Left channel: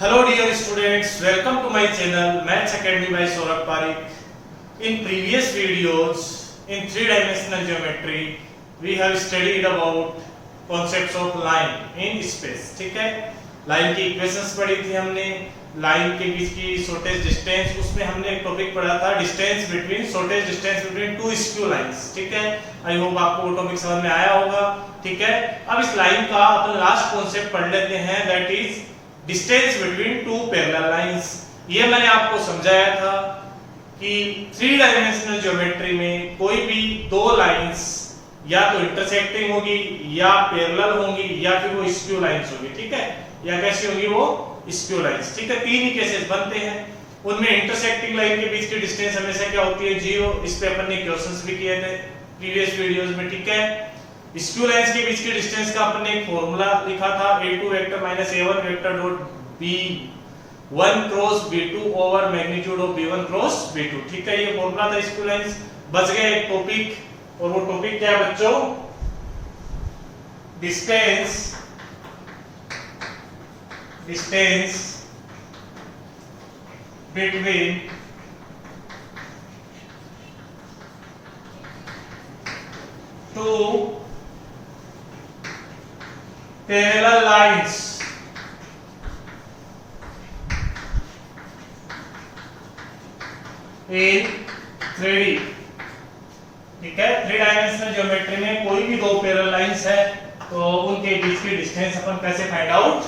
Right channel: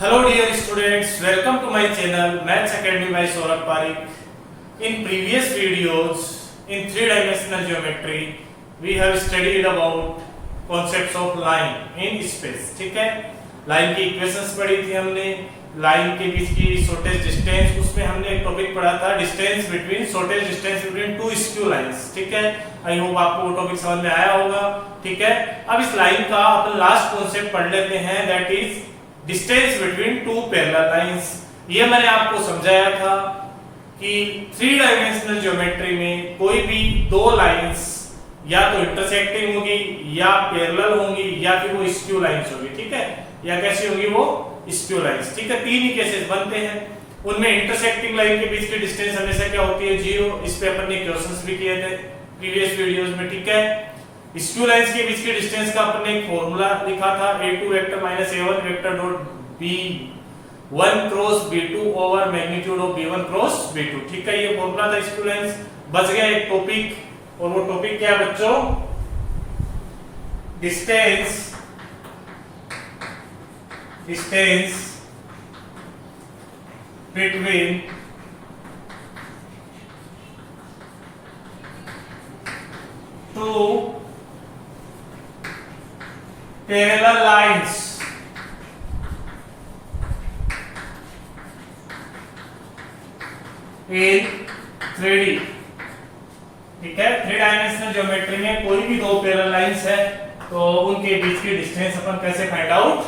Hello dear students, welcome to my channel Maths Academy by Saurabh Parikh. In previous videos in three-dimensional geometry we have studied about concepts of line in space. ठीक है, line की equations पढ़ी थी हमने, line के बीच की shortest distance, उसमें हमने एक टॉपिक पढ़ा था distance between shortest distance between to skew lines. ठीक है, आई होप आपको वो टॉपिक समझ में आया होगा. ठीक है, अब इस लाइन का अपन लास्ट कॉन्सेप्ट पढ़ लेते हैं, that is distance between two parallel lines. ये मैंने आपको समझाया था कि थ्री डायमेंशनल ज्योमेट्री में कोई भी दो लाइंस या तो इंटरसेक्टिंग होगी या पैरेलल होंगी या फिर वो स्क्यू लाइंस होगी. ठीक है, या कैसी होगी वो स्क्यू लाइंस. ठीक है, तीन ही केसेस बनते हैं. उनमें इंटरसेक्टिंग लाइन के बीच की डिस्टेंस हमेशा क्या होती है, 0. इस पे अपन ने क्वेश्चंस भी किए थे प्रीवियस वीडियोस में. ठीक है, स्क्यू लाइंस के बीच की डिस्टेंस का अपन ने एक फॉर्मूला लिखा था, a2 vector minus a1 vector dot b1 cross b2 over magnitude of b1 cross b2. ठीक है, ये फॉर्मूला था स्क्यू लाइंस. बच गया एक टॉपिक, और वो टॉपिक क्या है बच्चों, distance between to parallel lines. In 3D. ठीक है, थ्री डायमेंशनल ज्योमेट्री में कोई भी दो पैरेलल लाइंस है तो उनके बीच की डिस्टेंस अपन कैसे फाइंड आउट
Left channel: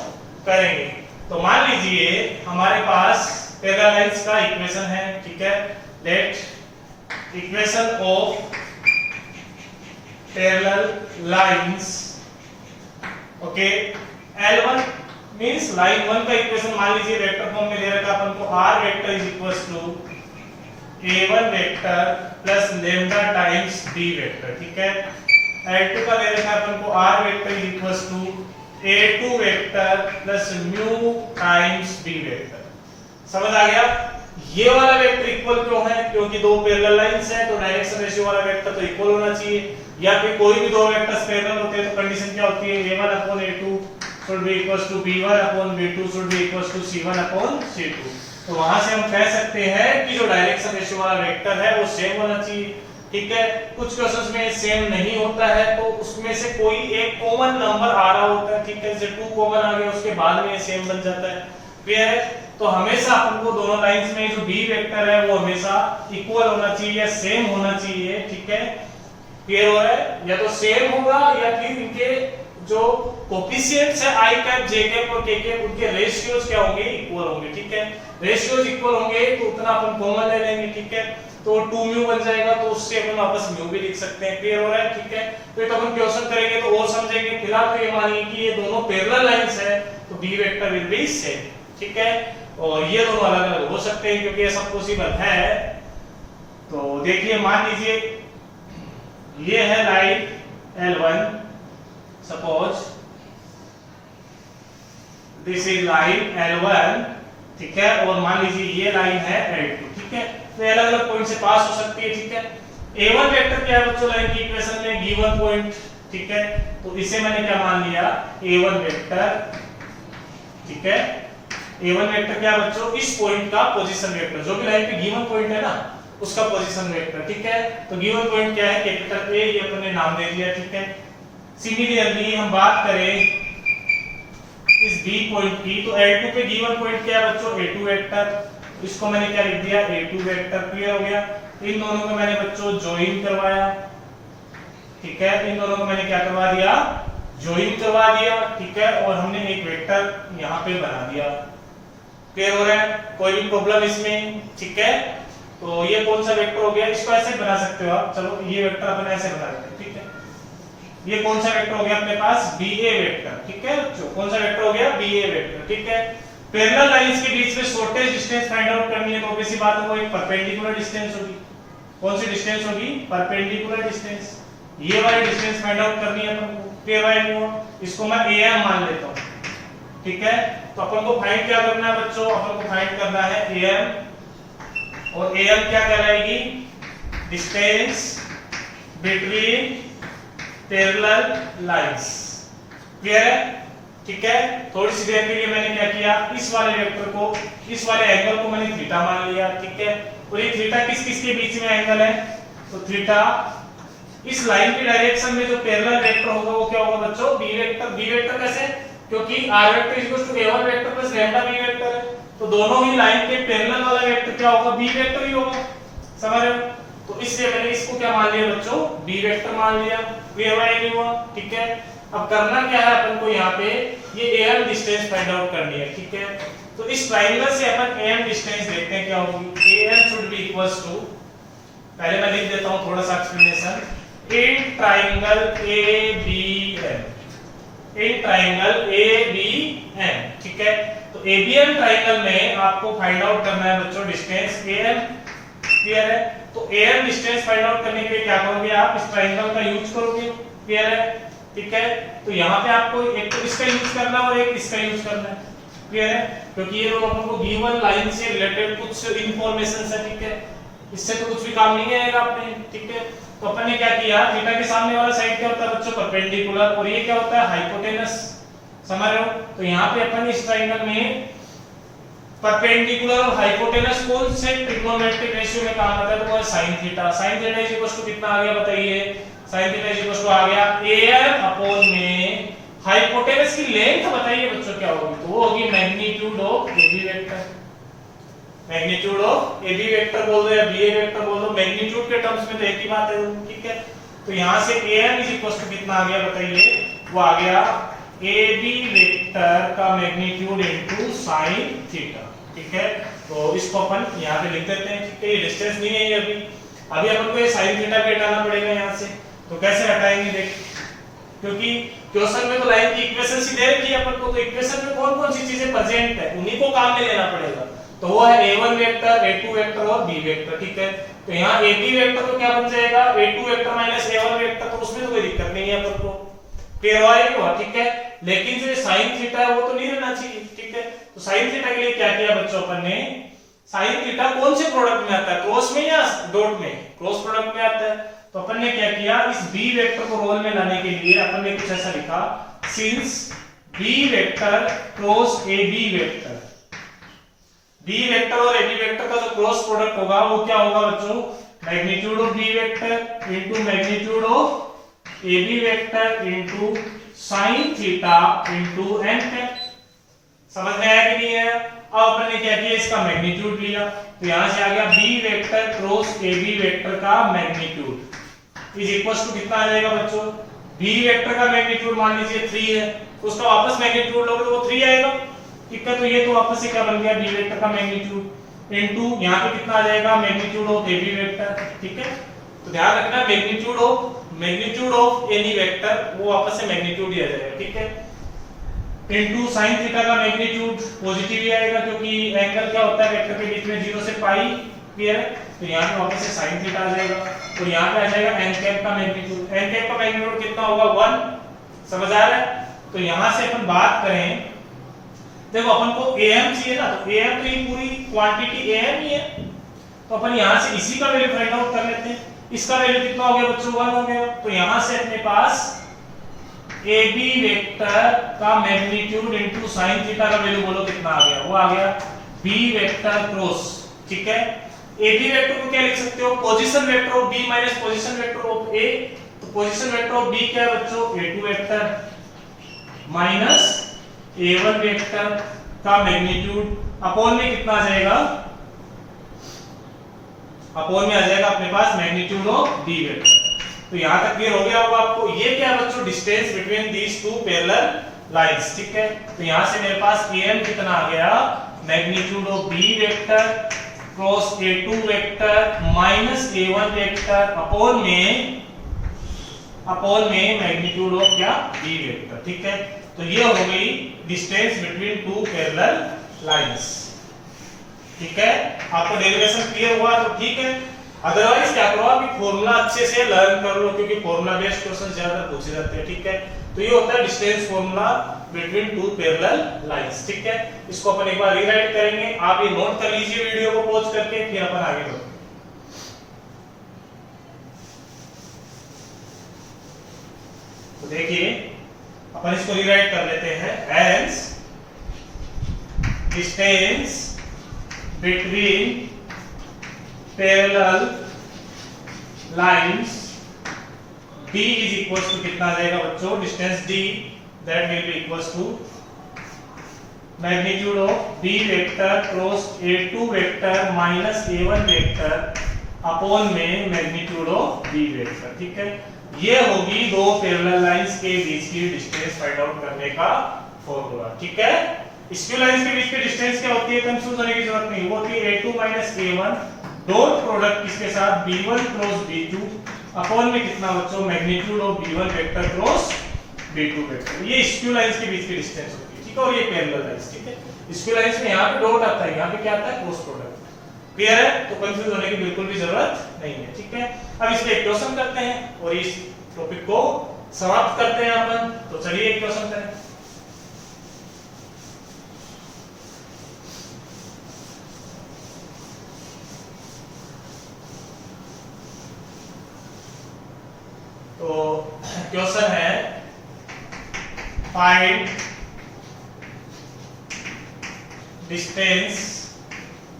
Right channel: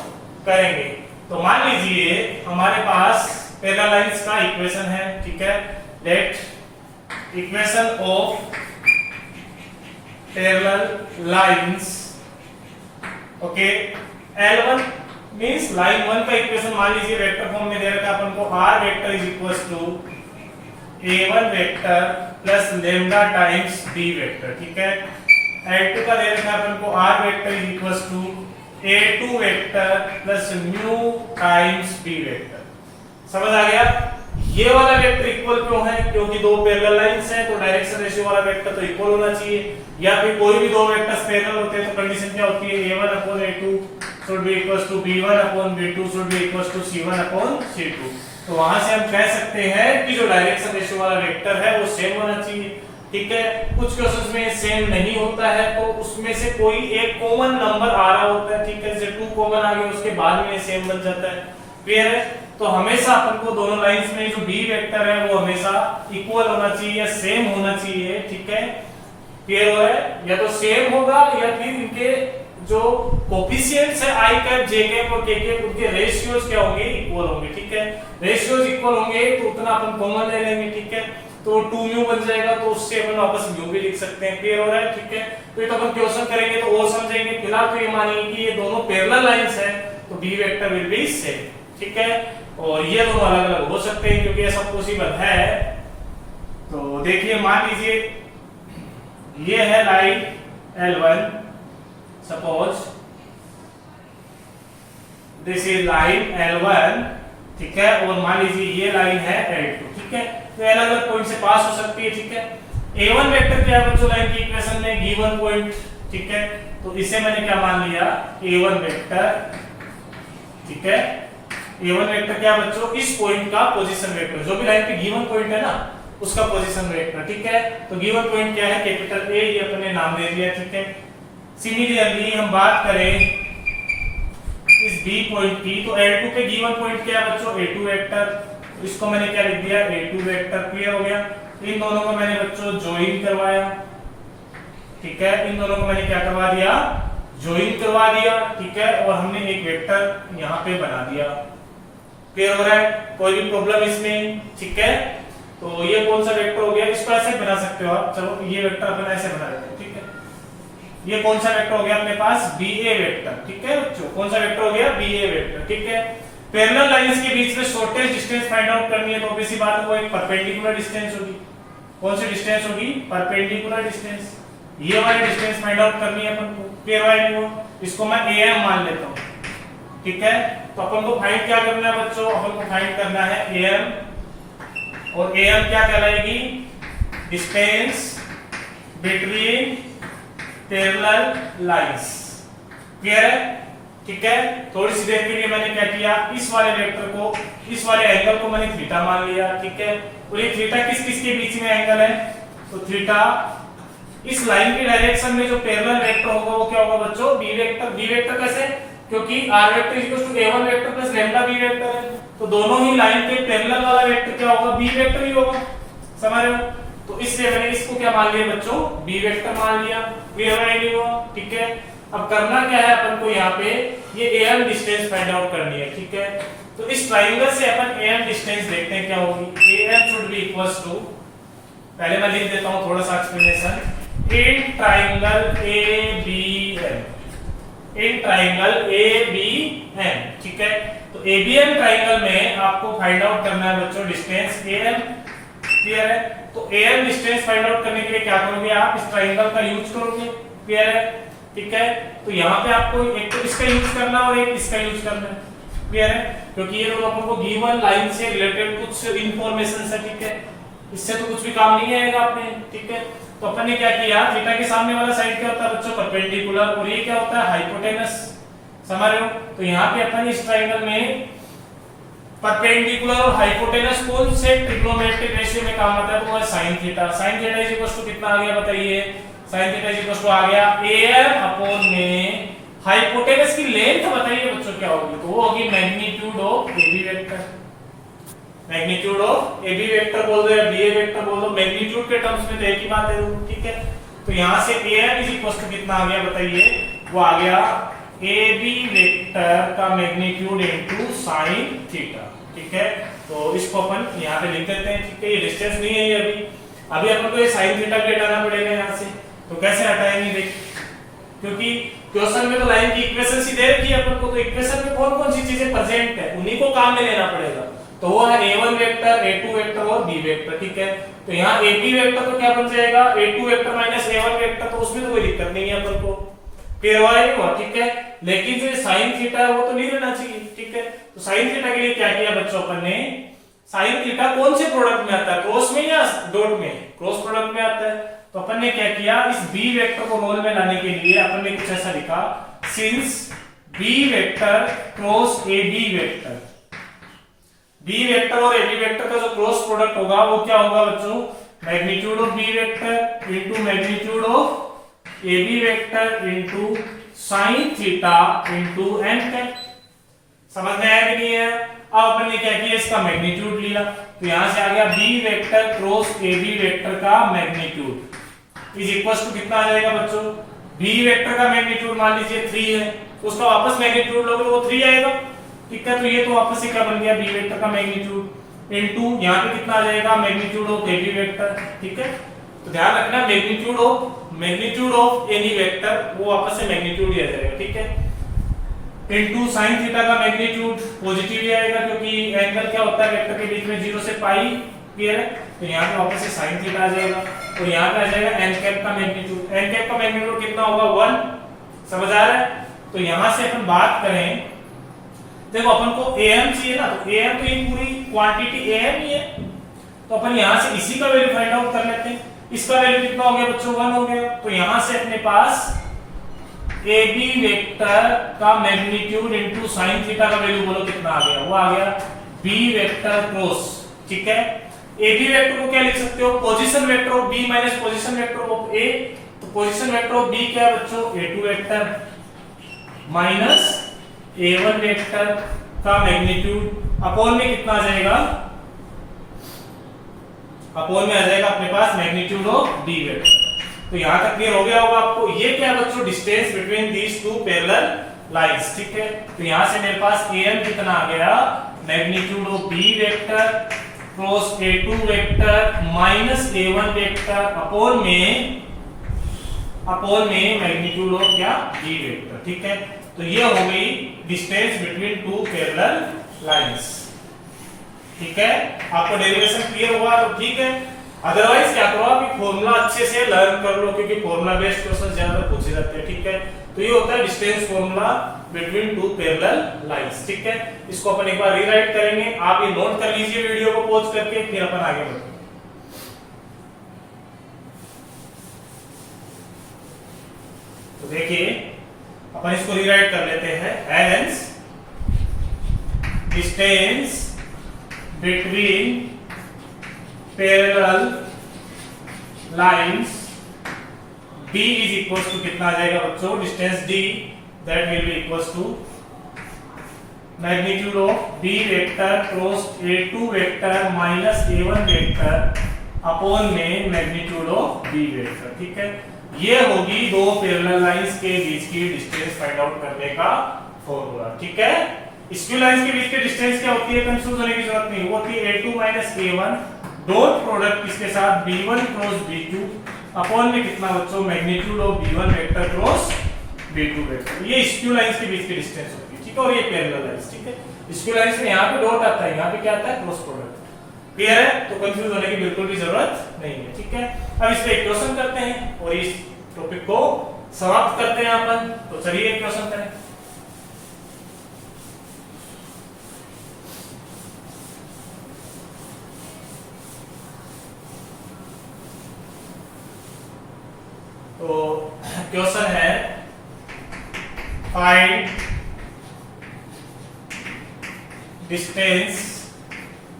करेंगे. तो मान लीजिए हमारे पास पैरेलल लाइंस का इक्वेशन है. ठीक है, let equation of parallel lines. Okay, L1 means line 1 का इक्वेशन मान लीजिए वेक्टर फॉर्म में दे रखा अपन को, r vector is equals to a1 vector plus lambda times b vector. ठीक है, L2 का दे रखा अपन को, r vector is equals to a2 vector plus mu times b vector. समझ आ गया. ये वाला वेक्टर इक्वल क्यों है, क्योंकि दो पैरेलल लाइंस हैं तो डायरेक्शन रेशियो वाला वेक्टर तो इक्वल होना चाहिए. या फिर कोई भी दो वेक्टर्स पैरेलल होते हैं तो कंडीशन क्या होती है, a1 upon a2 should be equals to b1 upon b2 should be equals to c1 upon c2. तो वहां से हम कह सकते हैं कि जो डायरेक्शन रेशियो वाला वेक्टर है वो सेम होना चाहिए. ठीक है, कुछ केसेस में सेम नहीं होता है तो उसमें से कोई एक कॉमन नंबर आ रहा होता है. ठीक है, जैसे 2 कॉमन आ गया उसके बाद में सेम बन जाता है. क्लियर है. तो हमेशा अपन को दोनों लाइंस में जो b वेक्टर है वो हमेशा इक्वल होना चाहिए या सेम होना चाहिए. ठीक है, क्लियर हो रहा है. या तो सेम होगा या फिर इनके जो कोफिशिएंट्स है i कैप j कैप और k कैप उनके रेशियोज क्या होंगे, इक्वल होंगे. ठीक है, रेशियोज इक्वल होंगे तो उतना अपन कॉमन ले लेंगे. ठीक है, तो 2 म्यू बन जाएगा तो उससे अपन वापस म्यू भी लिख सकते हैं. क्लियर हो रहा है. ठीक है, तो ये तो अपन क्वेश्चन करेंगे तो और समझेंगे. फिलहाल तो ये मानिए कि ये दोनों पैरेलल लाइंस है तो b vector will be same. ठीक है, और ये दोनों अलग अलग हो सकते हैं क्योंकि ये सब पॉसिबल है. तो देखिए, मान लीजिए ये है line L1, suppose this is line L1. ठीक है, और मान लीजिए ये लाइन है L2. ठीक है, तो अलग अलग पॉइंट से पास हो सकती है. ठीक है, A1 वेक्टर क्या है बच्चों लाइन की इक्वेशन में, गिवन पॉइंट. ठीक है, तो इसे मैंने क्या मान लिया, A1 वेक्टर. ठीक है, A1 वेक्टर क्या है बच्चों, इस पॉइंट का पोजीशन वेक्टर, जो भी लाइन पे गिवन पॉइंट है ना उसका पोजीशन वेक्टर. ठीक है, तो गिवन पॉइंट क्या है, कैपिटल A, ये अपन ने नाम दे दिया. ठीक है, सिमिलरली हम बात करें इस B पॉइंट की, तो L2 पे गिवन पॉइंट क्या है बच्चों, A2 वेक्टर. इसको मैंने क्या लिख दिया, A2 वेक्टर. क्लियर हो गया. इन दोनों को मैंने बच्चों ज्वाइन करवाया. ठीक है, इन दोनों को मैंने क्या करवा दिया, ज्वाइन करवा दिया. ठीक है, और हमने एक वेक्टर यहाँ पे बना दिया. क्लियर हो रहा है, कोई भी प्रॉब्लम इसमें. ठीक है, तो ये कौन सा वेक्टर हो गया, इसको ऐसे बना सकते हो आप. चलो ये वेक्टर अपन ऐसे बना देते हैं. ठीक है, ये कौन सा वेक्टर हो गया अपने पास, BA वेक्टर. ठीक है बच्चों, कौन सा वेक्टर हो गया, BA वेक्टर. ठीक है, पैरेलल लाइंस के बीच में शॉर्टेस्ट डिस्टेंस फाइंड आउट करनी है तो ऑब्वियस सी बात है वो एक परपेंडिकुलर डिस्टेंस होगी. कौन सी डिस्टेंस होगी, परपेंडिकुलर डिस्टेंस. ये वाली डिस्टेंस फाइंड आउट करनी है अपन को. क्लियर है, इसको मैं AM मान लेता हूं. ठीक है, तो अपन को फाइंड क्या करना है बच्चों, अपन को फाइंड करना है AM, और AM क्या कहलाएगी, distance between parallel lines. Clear है. ठीक है। थोड़ी सी देर के लिए मैंने क्या किया, इस वाले वेक्टर को, इस वाले एंगल को मैंने थीटा मान लिया, ठीक है। और ये थीटा किस किस के बीच में एंगल है, तो थीटा इस लाइन की डायरेक्शन में जो पैरेलल वेक्टर होगा वो क्या होगा बच्चों, बी वेक्टर। बी वेक्टर कैसे, क्योंकि r vector equal to a1 vector plus lambda b vector है, तो दोनों ही लाइन के पैरेलल वाला वेक्टर क्या होगा, b वेक्टर ही होगा, समझ रहे हो। तो इसलिए मैंने इसको क्या मान लिया बच्चों, b वेक्टर मान लिया। क्लियर हुआ नहीं हुआ, ठीक है। अब करना क्या है अपन को, यहाँ पे ये am डिस्टेंस फाइंड आउट करनी है, ठीक है। तो इस ट्रायंगल से अपन am डिस्टेंस देखते हैं क्या होगी। am should be equals to, पहले मैं लिख देता हूं थोड़ा सा explanation, in triangle ABM, in triangle ABM, ठीक है। तो ABM ट्रायंगल में आपको फाइंड आउट करना है बच्चों डिस्टेंस AM, क्लियर है। तो AM डिस्टेंस फाइंड आउट करने के लिए क्या करोगे आप, इस ट्रायंगल का यूज करोगे, क्लियर है, ठीक है। तो यहाँ पे आपको एक तो इसका यूज करना और एक इसका यूज करना है, क्लियर है, क्योंकि ये दोनों अपन को गिवन लाइन से रिलेटेड कुछ इंफॉर्मेशन है, ठीक है। इससे तो कुछ भी काम नहीं आएगा आपने, ठीक है। तो अपन ने क्या किया, थीटा के सामने वाला साइड क्या होता है बच्चों, परपेंडिकुलर, और ये क्या होता है, हाइपोटेनस, समझ रहे हो। तो यहाँ पे अपन इस ट्रायंगल में परपेंडिकुलर और हाइपोटेनस कौन से ट्रिग्नोमेट्रिक रेशियो में काम आता है, तो वो है sin theta. sin theta is equal to कितना आ गया बताइए, sin theta is equal to आ गया am अपॉन में हाइपोटेनस की लेंथ बताइए बच्चों क्या होगी, तो वो होगी magnitude of AB vector. Magnitude of AB vector बोल दो या BA वेक्टर बोल दो, मैग्नीट्यूड के टर्म्स में तो एक ही बात है, ठीक है। तो यहां से am इज इक्वल टू कितना आ गया बताइए, वो आ गया AB वेक्टर का मैग्नीट्यूड इनटू sin थीटा, ठीक है। तो इसको अपन यहां पे लिख देते हैं, ठीक है। ये डिस्टेंस नहीं है ये अभी अपन को ये sin थीटा भी हटाना पड़ेगा यहां से, तो कैसे हटाएंगे देख, क्योंकि क्वेश्चन में तो लाइन की इक्वेशन सी दे रखी है अपन को, तो इक्वेशन में कौन कौन सी चीजें प्रेजेंट है उन्हीं को काम में लेना पड़ेगा। तो वो है a1 वेक्टर, a2 वेक्टर और b वेक्टर, ठीक है। तो यहाँ ab वेक्टर तो क्या बन जाएगा, a2 vector minus a1 vector, तो उसमें तो कोई दिक्कत नहीं है अपन को, क्लियर हुआ, ठीक है। लेकिन जो sin थीटा है वो तो नहीं रहना चाहिए, ठीक है। तो sin थीटा के लिए क्या किया बच्चों अपन ने, sin थीटा कौन से प्रोडक्ट में आता है, क्रॉस में या डॉट में, क्रॉस प्रोडक्ट में आता है। तो अपन ने क्या किया, इस b वेक्टर को रोल में लाने के लिए अपन ने कुछ ऐसा लिखा, since b vector cross ab vector, b vector और ab वेक्टर का जो क्रॉस प्रोडक्ट होगा वो क्या होगा बच्चों, magnitude of b vector into magnitude of ab vector into sin theta into n cap. समझ में आया कि नहीं है। अब अपन ने क्या किया, इसका मैग्नीट्यूड लिया, तो यहां से आ गया b vector cross ab vector का मैग्नीट्यूड इज इक्वल टू कितना आ जाएगा बच्चों, b वेक्टर का मैग्नीट्यूड मान लीजिए 3 है, तो उसका वापस मैग्नीट्यूड लोगे तो वो 3 आएगा, ठीक है। तो ये तो वापस से क्या बन गया, b वेक्टर का मैग्नीट्यूड इनटू यहां पे कितना आ जाएगा, मैग्नीट्यूड ऑफ ab वेक्टर, ठीक है। तो ध्यान रखना मैग्नीट्यूड ऑफ एनी वेक्टर वो वापस से मैग्नीट्यूड ही आ जाएगा, ठीक है। इनटू sin थीटा का मैग्नीट्यूड पॉजिटिव ही आएगा, क्योंकि एंगल क्या होता है वेक्टर के बीच में 0 से पाई, क्लियर है। तो यहां पे वापस से sin थीटा आ जाएगा, तो यहां पे आ जाएगा n कैप का मैग्नीट्यूड, n कैप का मैग्नीट्यूड कितना होगा 1, समझ आ रहा है। तो यहां से अपन बात करें, देखो अपन को am चाहिए ना, तो am तो ये पूरी क्वांटिटी am ही है, तो अपन यहां से इसी का वैल्यू फाइंड आउट कर लेते हैं। इसका वैल्यू कितना हो गया बच्चों, 1 हो गया। तो यहां से अपने पास AB वेक्टर का मैग्नीट्यूड इनटू sin थीटा का वैल्यू बोलो कितना आ गया, वो आ गया B वेक्टर क्रॉस, ठीक है। AB वेक्टर को क्या लिख सकते हो, position vector of B minus position vector of A। तो पोजीशन वेक्टर ऑफ B क्या है बच्चों, A2 vector minus A1 vector का मैग्नीट्यूड अपॉन में कितना आ जाएगा, अपॉन में आ जाएगा अपने पास मैग्नीट्यूड ऑफ D वेक्टर। तो यहां तक क्लियर हो गया होगा आपको। ये क्या है बच्चों, distance between these two parallel lines, ठीक है। तो यहां से मेरे पास am कितना आ गया, magnitude of B vector cross A2 vector minus A1 vector upon में मैग्नीट्यूड ऑफ क्या, B वेक्टर, ठीक है। तो ये हो गई distance between two parallel lines, ठीक है। आपको डेरिवेशन क्लियर हुआ तो ठीक है, अदरवाइज क्या करो आप फॉर्मूला अच्छे से लर्न कर लो, क्योंकि फॉर्मूला बेस्ड क्वेश्चन ज्यादा पूछे जाते हैं, ठीक है। तो ये होता है distance formula between two parallel lines, ठीक है। इसको अपन एक बार रीराइट करेंगे, आप ये नोट कर लीजिए वीडियो को पॉज करके, फिर अपन आगे बढ़ेंगे। तो देखिए अपन इसको रीराइट कर लेते हैं as distance between parallel lines d is equal to कितना आ जाएगा बच्चों, distance d that will be equal to magnitude of b vector cross a2 vector minus a1 vector upon में मैग्नीट्यूड ऑफ b वेक्टर। ठीक है, ये होगी दो पैरेलल लाइंस के बीच की डिस्टेंस फाइंड आउट करने का फॉर्मूला। ठीक है, स्क्यू लाइंस के बीच की डिस्टेंस क्या होती है, कंफ्यूज होने की जरूरत नहीं, वो होती है a2 a1 डॉट प्रोडक्ट किसके साथ b1 क्रॉस b2 अपॉन में कितना बच्चों, magnitude of b1 vector cross b2 vector. ये स्क्यू लाइंस के बीच की डिस्टेंस होती है। ठीक है, और ये पैरेलल लाइंस। ठीक है, स्क्यू लाइंस में यहाँ पे डॉट आता है, यहाँ पे क्या आता है, क्रॉस प्रोडक्ट। क्लियर है, तो कंफ्यूज होने की बिल्कुल भी जरूरत नहीं है। ठीक है, अब इस पे एक क्वेश्चन करते हैं और इस टॉपिक को समाप्त करते हैं अपन। तो चलिए एक क्वेश्चन करें। तो क्वेश्चन है find distance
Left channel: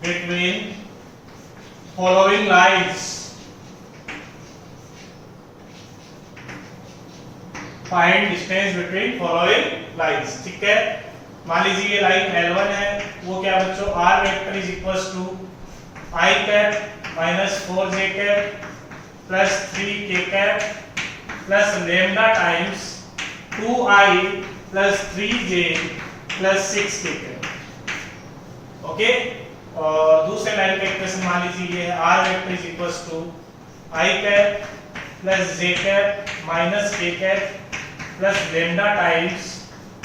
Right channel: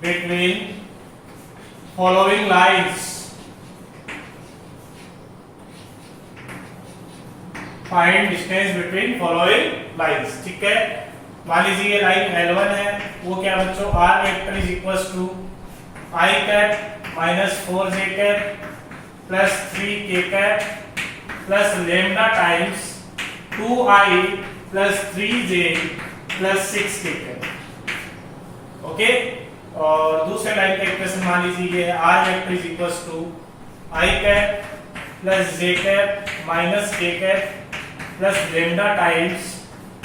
between following lines. Find distance between following lines. ठीक है, मान लीजिए ये लाइन L1 है, वो क्या बच्चों, r vector is equals to i cap minus 4j cap plus 3k cap plus lambda times 2i plus 3j plus 6k cap. Okay, और दूसरे लाइन का इक्वेशन मान लीजिए ये r vector is equals to i cap plus j cap minus k cap plus lambda times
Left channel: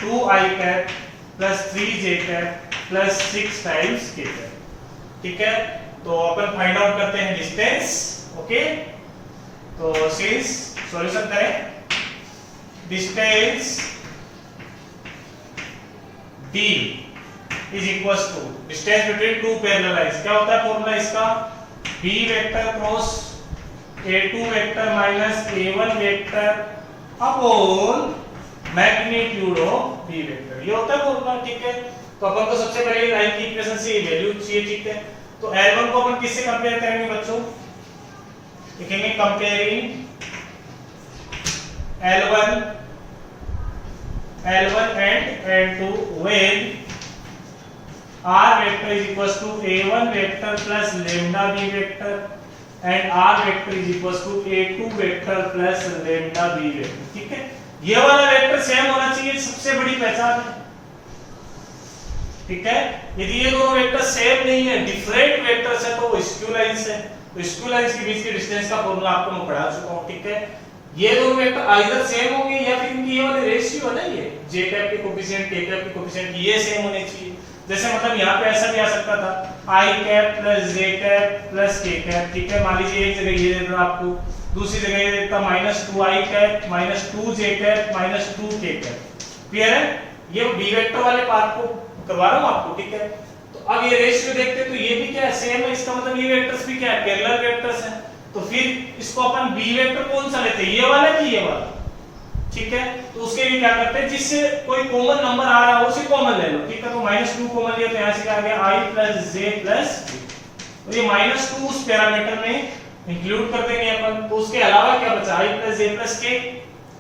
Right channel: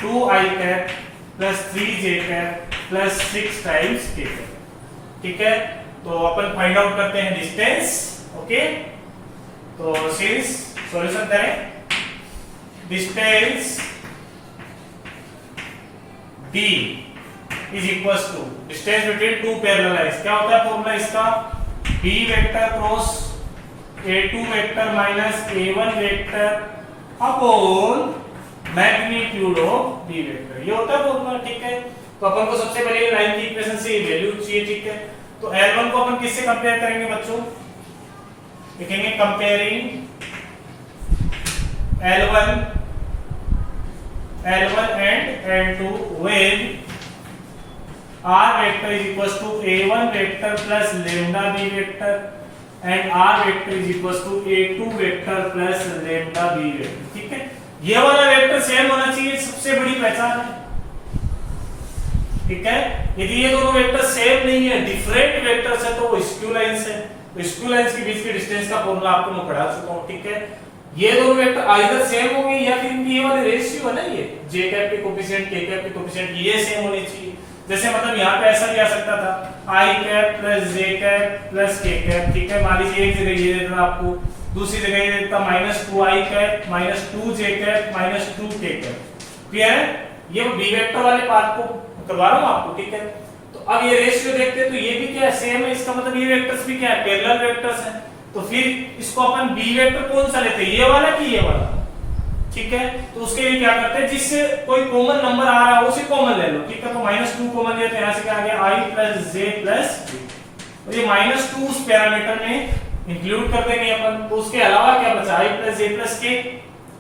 2i cap plus 3j cap plus 6 times k cap. ठीक है, तो अपन फाइंड आउट करते हैं डिस्टेंस। ओके, तो सिंस सॉल्यूशन करें, distance d is equals to distance between two parallel lines. क्या होता है फॉर्मूला इसका, b vector cross a2 vector minus a1 vector upon magnitude of b vector, ये होता है फॉर्मूला। ठीक है, तो अपन को सबसे पहले लाइन की इक्वेशन से ये वैल्यू चाहिए। ठीक है, तो L1 को अपन किससे कंपेयर करेंगे बच्चों, लिखेंगे comparing L1 and L2 with r vector is equals to a1 vector plus lambda b vector and r vector is equals to a2 vector plus lambda b vector। ठीक है, ये वाला वेक्टर सेम होना चाहिए, सबसे बड़ी पहचान है। ठीक है, यदि ये दोनों वेक्टर सेम नहीं है, डिफरेंट वेक्टर्स है, तो वो स्क्यू लाइंस है। तो स्क्यू लाइंस के बीच की डिस्टेंस का फॉर्मूला आपको मैं पढ़ा चुका हूं। ठीक है, ये दोनों वेक्टर आइदर सेम होंगे या फिर इनकी ये वाले रेशियो है ना, ये j कैप के कोएफिशिएंट k कैप के कोएफिशिएंट ये सेम होने चाहिए। जैसे मतलब यहाँ पे ऐसा भी आ सकता था i cap plus j cap plus k cap. ठीक है, मान लीजिए एक जगह ये देता आपको, दूसरी जगह ये देता minus 2i cap minus 2j cap minus 2k cap. Clear है, ये b वेक्टर वाले पार्ट को करवा रहा हूँ आपको। ठीक है, तो अब ये रेशियो देखते हैं, तो ये भी क्या है, सेम है। इसका मतलब ये वेक्टर्स भी क्या है, पैरेलल वेक्टर्स हैं। तो फिर इसको अपन b वेक्टर कौन सा लेते हैं, ये वाला कि ये वाला। ठीक है, तो उसके लिए क्या करते हैं, जिससे कोई कॉमन नंबर आ रहा हो उसे कॉमन ले लो। ठीक है, तो -2 कॉमन लिया तो यहां से क्या आ गया, i + j + b। तो ये -2 उस पैरामीटर में इंक्लूड कर देंगे अपन। तो उसके अलावा क्या बचा, i + j + k।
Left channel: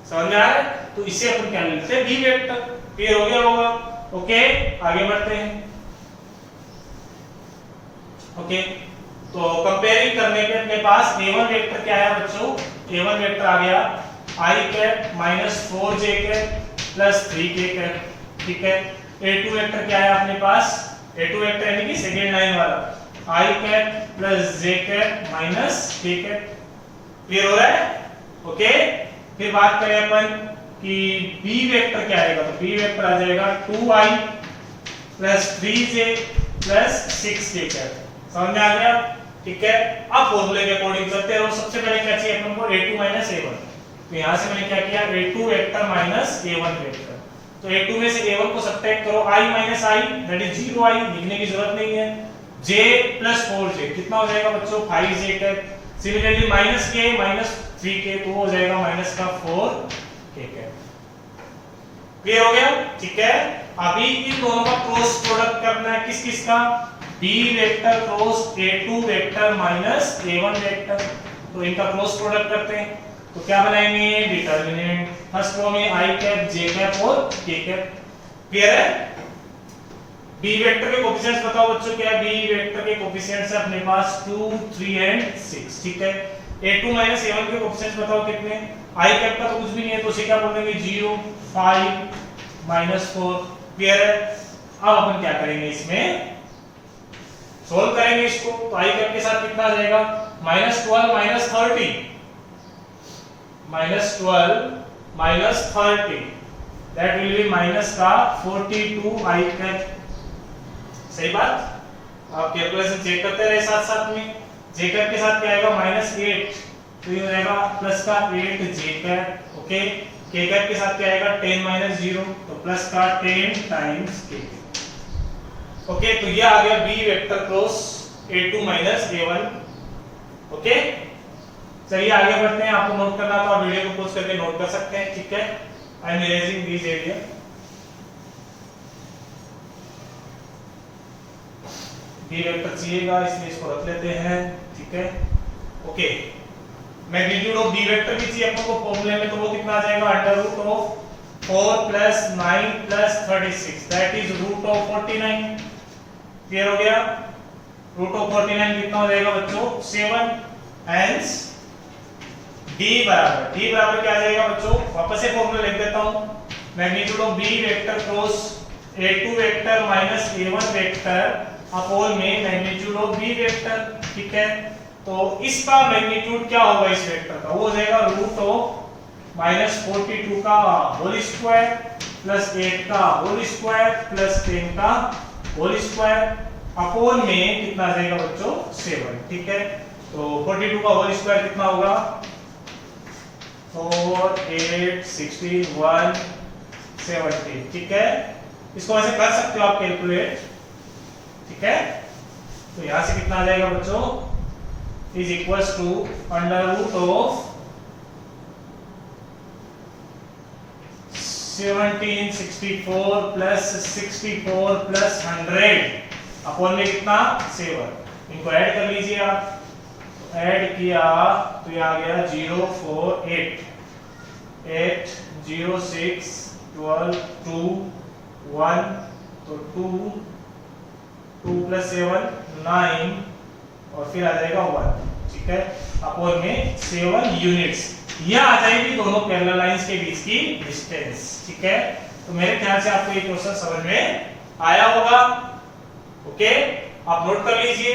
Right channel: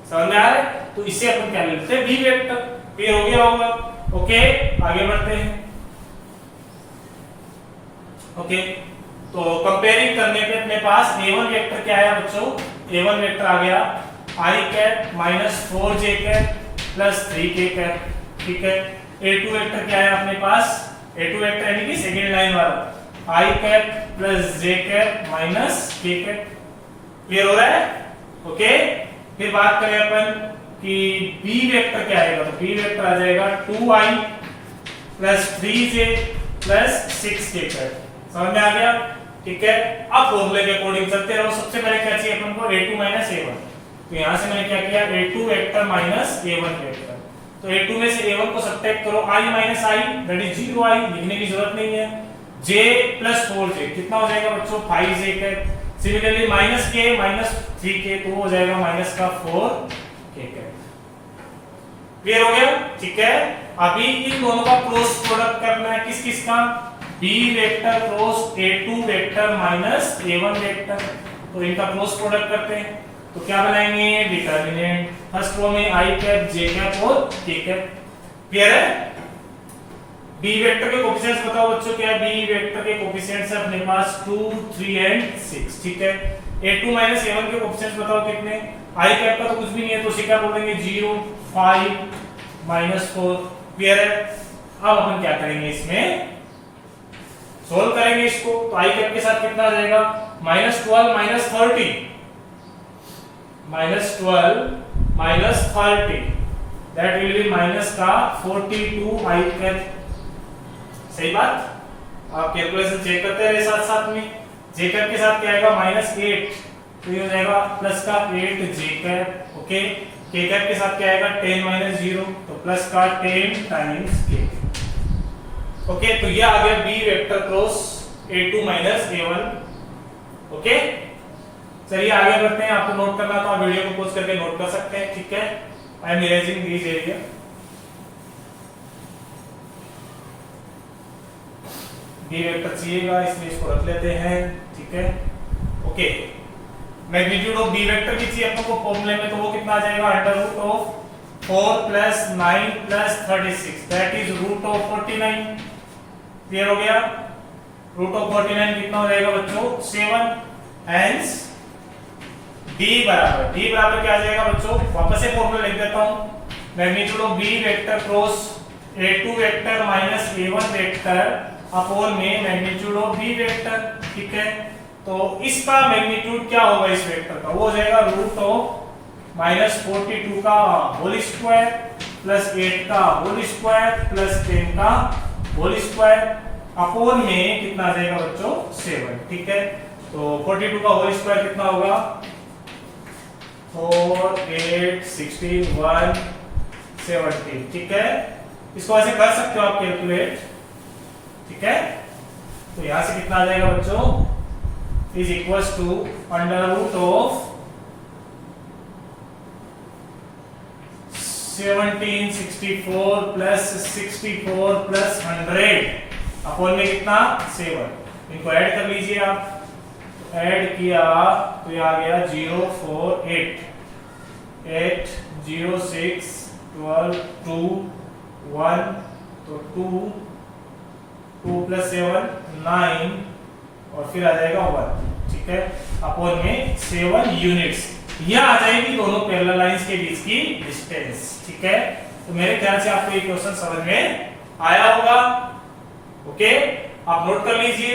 समझ में आ रहा है, तो इसे अपन क्या लेते हैं, b वेक्टर। क्लियर हो गया होगा। ओके, आगे बढ़ते हैं। ओके, तो कंपेयरिंग करने के अपने पास a1 वेक्टर क्या है बच्चों, a1 वेक्टर आ गया i cap minus 4j cap plus 3k cap. ठीक है, a2 वेक्टर क्या है अपने पास, a2 वेक्टर यानी कि सेकंड लाइन वाला i cap plus j cap minus k cap. Clear हो रहा है। ओके, फिर बात करें अपन कि b वेक्टर क्या आएगा, तो b वेक्टर आ जाएगा 2i plus 3j plus 6k cap. समझ में आ गया। ठीक है, अब फॉर्मूले के अकॉर्डिंग चलते रहो। सबसे पहले क्या चाहिए अपन को, a2 माइनस a1। तो यहां से मैंने क्या किया, a2 vector minus a1 vector. तो a2 में से a1 को सब्ट्रैक्ट करो, i minus i that is 0i, लिखने की जरूरत नहीं है। j प्लस 4j कितना हो जाएगा बच्चों, 5j cap. Similarly minus k minus 3k तो हो जाएगा माइनस का 4k कैप। क्लियर हो गया? ठीक है, अभी इन दोनों का क्रॉस प्रोडक्ट करना है, किस किस का? b vector cross a2 vector minus a1 vector, तो इनका क्रॉस प्रोडक्ट करते हैं। तो क्या बनाएंगे? डिटरमिनेंट, फर्स्ट रो में i कैप, j कैप और k कैप। क्लियर है? b वेक्टर के कोएफिशिएंट्स बताओ बच्चों, क्या है? b वेक्टर के कोएफिशिएंट्स है अपने पास 2, 3 एंड 6। ठीक है, a2 माइनस a1 के कोएफिशिएंट्स बताओ कितने? i कैप का तो कुछ भी नहीं है, तो उसे क्या बोल देंगे? 0, 5 माइनस 4। क्लियर है? अब अपन क्या करेंगे, इसमें सोल्व करेंगे इसको। तो i कैप के साथ कितना आ जाएगा? -12 minus 30, -12 minus 30, that will B minus का 42 i कैप। सही बात? आप कैलकुलेशन चेक करते रहे साथ साथ में। j कैप के साथ क्या आएगा? -8, तो ये हो जाएगा प्लस का 8 j cap. Okay, k cap के साथ क्या आएगा? 10 माइनस 0, तो प्लस का 10 टाइम्स k। ओके, तो ये आ गया b vector cross a2 minus a1। Okay, चलिए आगे बढ़ते हैं। आपको नोट करना तो आप वीडियो को पॉज करके नोट कर सकते हैं। ठीक है, I am erasing this area. b vector चाहिएगा, इसलिए इसको रख लेते हैं। ठीक है, okay, magnitude of b vector भी चाहिए अपन को फॉर्मूले में, तो वो कितना आ जाएगा? √4 + 9 + 36, दैट इज √49। क्लियर हो गया? √49 कितना हो जाएगा बच्चों? 7। हेंस d बराबर क्या आ जाएगा बच्चों? वापस से फॉर्मूला लिख देता हूं। Magnitude of b vector cross a2 vector minus a1 vector upon में मैग्नीट्यूड ऑफ b वेक्टर। ठीक है, तो इसका मैग्नीट्यूड क्या होगा इस वेक्टर का? वो हो जाएगा √42 का होल स्क्वायर प्लस 8 का होल स्क्वायर प्लस 10 का होल स्क्वायर अपॉन में कितना आ जाएगा बच्चों? 7। ठीक है, तो 42 का होल स्क्वायर कितना होगा? 4, 8, 61, 70। ठीक है, इसको ऐसे कर सकते हो आप कैलकुलेट। ठीक है, तो यहां से कितना आ जाएगा बच्चों? Is equals to √of 1764 plus 64 plus 100 upon में कितना? 7। इनको ऐड कर लीजिए आप। ऐड किया तो ये आ गया 048 8 0 6 12 2 1, तो 2 + 7 9 और फिर आ जाएगा 1। ठीक है, अपॉन में 7 यूनिट्स। यह आ जाएगी दोनों पैरेलल लाइंस के बीच की डिस्टेंस। ठीक है, तो मेरे ख्याल से आपको ये क्वेश्चन समझ में आया होगा। ओके, आप नोट कर लीजिए।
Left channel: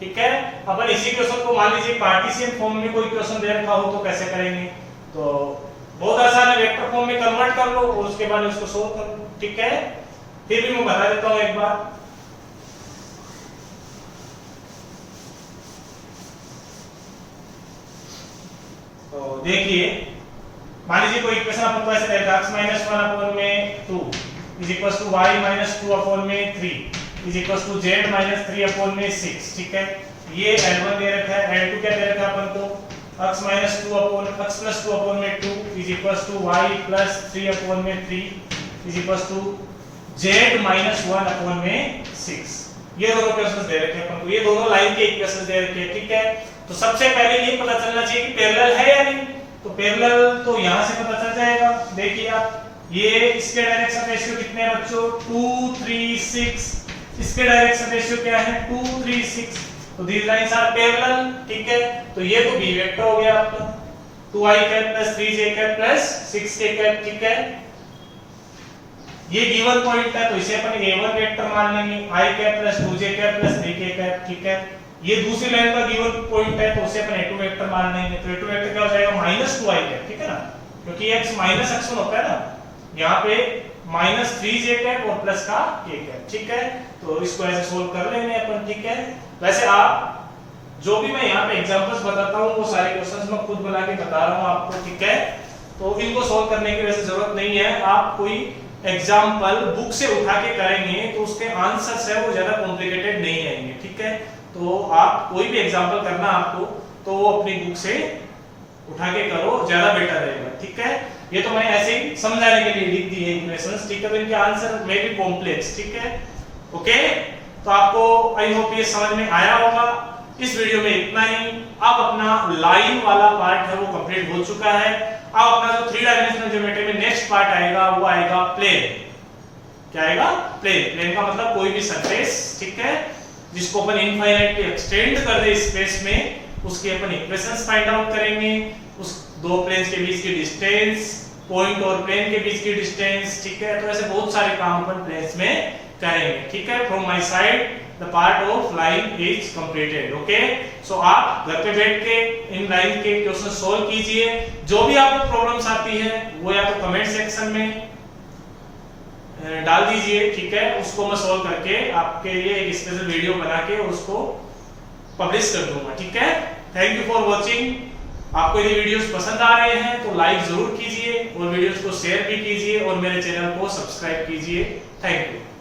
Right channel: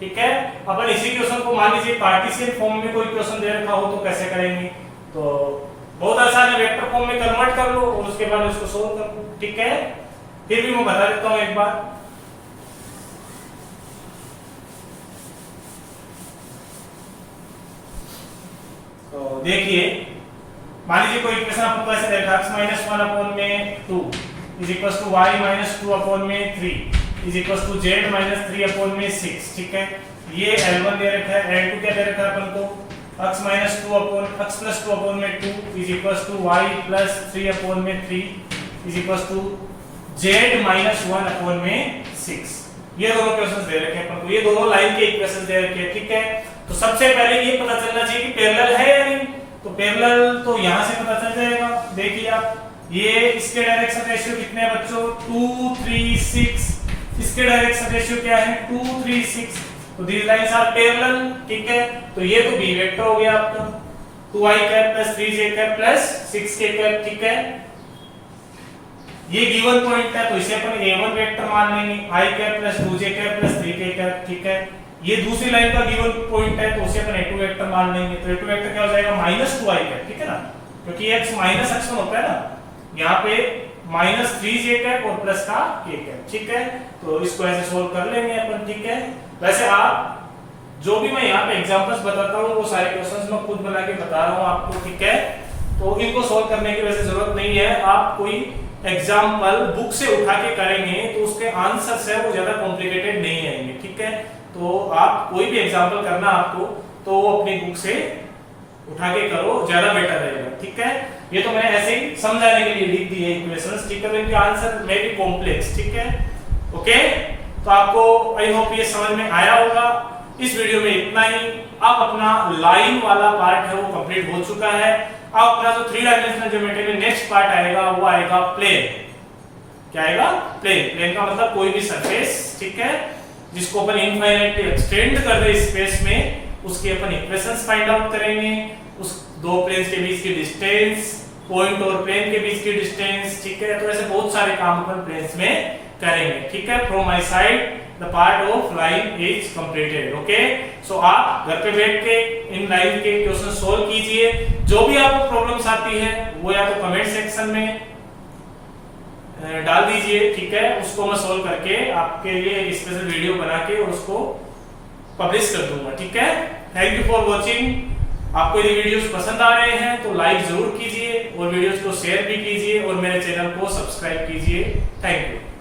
ठीक है, अपन इसी क्वेश्चन को मान लीजिए कार्टेशियन फॉर्म में कोई क्वेश्चन दे रखा हो तो कैसे करेंगे? तो बहुत आसान है, वेक्टर फॉर्म में कन्वर्ट कर लो और उसके बाद उसको सोल्व कर लो। ठीक है, फिर भी मैं बता देता हूं एक बार। तो देखिए, मान लीजिए कोई इक्वेशन अपन को ऐसे देगा x - 1 अपॉन में 2 is equals to y - 2 upon में 3 is equals to z - 3 upon में 6। ठीक है, ये L1 दे रखा है, L2 क्या दे रखा है अपन को? x - 2 अपॉन x + 2 अपॉन में 2 is equals to y + 3 upon में 3 is equals to z - 1 upon में 6। ये दोनों इक्वेशंस दे रखे हैं अपन को, ये दोनों लाइन के इक्वेशंस दे रखे हैं। ठीक है, तो सबसे पहले ये पता चलना चाहिए कि पैरेलल है या नहीं। तो पैरेलल तो यहां से पता चल जाएगा। देखिए आप, ये इसके डायरेक्शन रेशियो कितने हैं बच्चों? 2 3 6। इसके डायरेक्शन रेशियो क्या है? 2 3 6। तो दीस लाइंस आर पैरेलल। ठीक है, तो ये तो b वेक्टर हो गया आपका 2i cap + 3j cap + 6k cap. ठीक है, ये गिवन पॉइंट है तो इसे अपन a1 वेक्टर मान लेंगे, i cap + 2j cap + 3k cap. ठीक है, ये दूसरी लाइन का गिवन पॉइंट है तो उसे अपन a2 वेक्टर मान लेंगे। तो a2 वेक्टर क्या हो जाएगा? -2i cap. ठीक है ना, क्योंकि x माइनस x1 होता है ना, यहाँ पे -3j कैप और प्लस का k कैप। ठीक है, तो इसको ऐसे सोल्व कर लेंगे अपन। ठीक है, वैसे आप जो भी मैं यहाँ पे एग्जांपल्स बताता हूँ वो सारे क्वेश्चंस मैं खुद बना के बता रहा हूँ आपको। ठीक है, तो इनको सोल्व करने की वैसे जरूरत नहीं है। आप कोई एग्जाम्पल बुक से उठा के करेंगे तो उसके आंसर्स है वो ज्यादा कॉम्प्लिकेटेड नहीं आएंगे। ठीक है, तो आप कोई भी एग्जाम्पल करना आपको तो वो अपनी बुक से उठा के करो, ज्यादा बेटर रहेगा। ठीक है, ये तो मैंने ऐसे ही समझाने के लिए लिख दी है इक्वेशंस, ठीक है। तो इनके आंसर में भी कॉम्प्लेक्स, ठीक है। ओके, तो आपको आई होप ये समझ में आया होगा। इस वीडियो में इतना ही। अब अपना लाइन वाला पार्ट है वो कंप्लीट हो चुका है। अब अपना जो 3 डायमेंशनल ज्योमेट्री में नेक्स्ट पार्ट आएगा वो आएगा प्लेन। क्या आएगा? प्लेन। प्लेन का मतलब कोई भी सरफेस, ठीक है, जिसको अपन इनफाइनाइटली एक्सटेंड कर दे स्पेस में, उसके अपन इक्वेशंस फाइंड आउट करेंगे। उस दो प्लेन्स के बीच की डिस्टेंस, पॉइंट और प्लेन के बीच की डिस्टेंस, ठीक है। तो ऐसे बहुत सारे काम अपन प्लेन्स में करेंगे, ठीक है। From my side the part of line is completed. Okay, so आप घर पे बैठ के इन लाइन के क्वेश्चन सोल्व कीजिए। जो भी आपको प्रॉब्लम्स आती है वो या तो कमेंट सेक्शन में डाल दीजिए, ठीक है। उसको मैं सोल्व करके आपके लिए एक स्पेशल वीडियो बना के उसको पब्लिश कर दूंगा, ठीक है। Thank you for watching. आपको यदि वीडियोस पसंद आ रहे हैं तो लाइक जरूर कीजिए और वीडियोस को शेयर भी कीजिए और मेरे चैनल को सब्सक्राइब कीजिए। Thank you.